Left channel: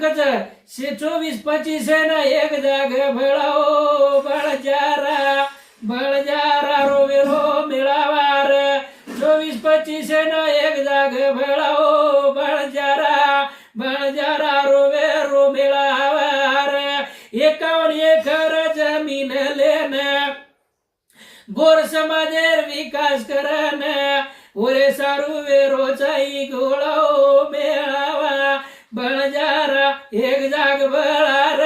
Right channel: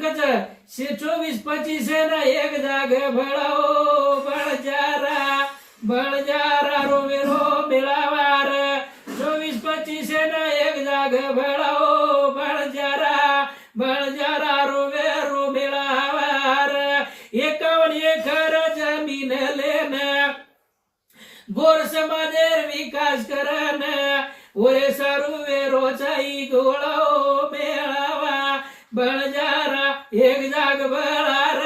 दिनांकच 24-25 न एक जाग भळाओ बळजारा रोवे रो मेळावार 24-25 न एक जाग भळाओ बळजारा रोवे रो मेळावार 51 एकर जमीन लेन गोर समाजेर विकास करन ओरे सारू वेरोचाई गोळाओ मेळावा बळजारा एक जाग भळार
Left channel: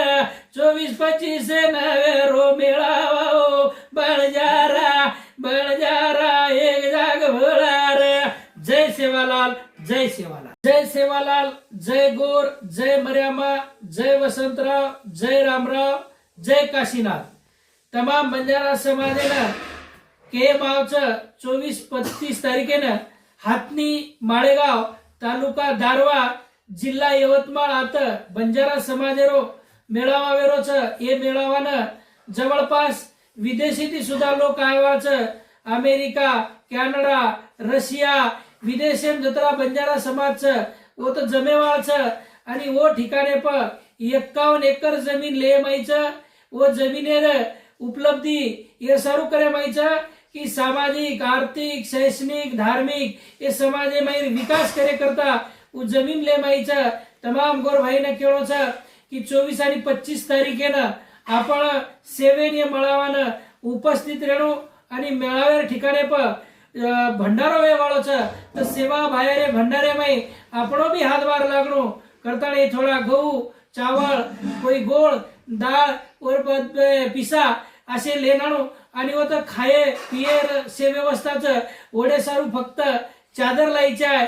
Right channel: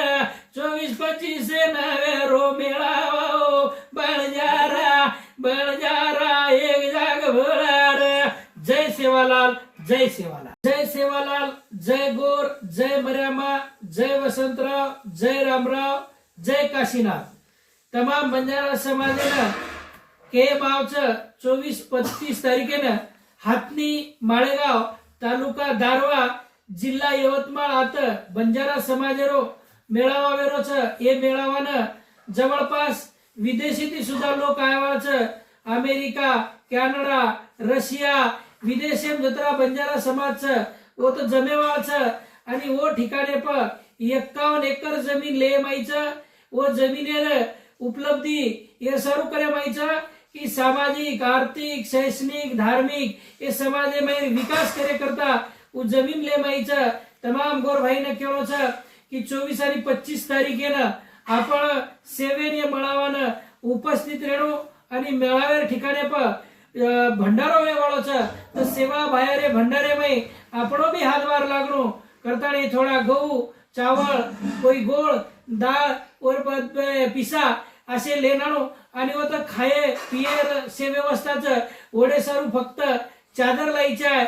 24-25 न वेरो मेळावा बळजारा एक जाग भळार। जय सेवालाल जय सेवालाल जय सेवालाल जय गोर जय मर्यामा जय वसंतराव जय रामराव जय काशीनाथ। तमाम बंजारा समाजानं के मावचं 24-25 तारखेनं हातनी माळेगाव तालुका दारवा जिल्हा यवतमाळ आता बंजारा समाजेरो मेळावा वेरोच ये मेळावानं जवळपास विदेशीती सुद्धा लोक आवाच अमेरिका कॅनडा रशिया विदेशेम जत्रा बंजारा समाजचं वो तो जमेवाळचं आणि वो ठिकाणे प 51 एकर जमीन ले मायचं वो जमिनेर उपलब्धी ये सारू करे मायचं की सामाजिक आर्थिक शैक्षणिक धार्मिक ये समाज माहीर विकास करे करता वो जमीन ले मायचं तमाम गोर भाईने केळोच की 24 आणि 25 तारखेनं आपण सेवेने मेळावानं उपस्थित राहणो आणि मेळाव्या ठिकाणे प भंडारो वेवाळोच तर सेवा बाहेर भंडारे माई आपणो भी हातभार लागणो करताने थोडा गहू चावल कोई गोळ डाळ और पिसा असे लेनाणो आणि वो तर खाये पिये से व्यवस्थाच ओढे सारू फक्त चादर लायच्या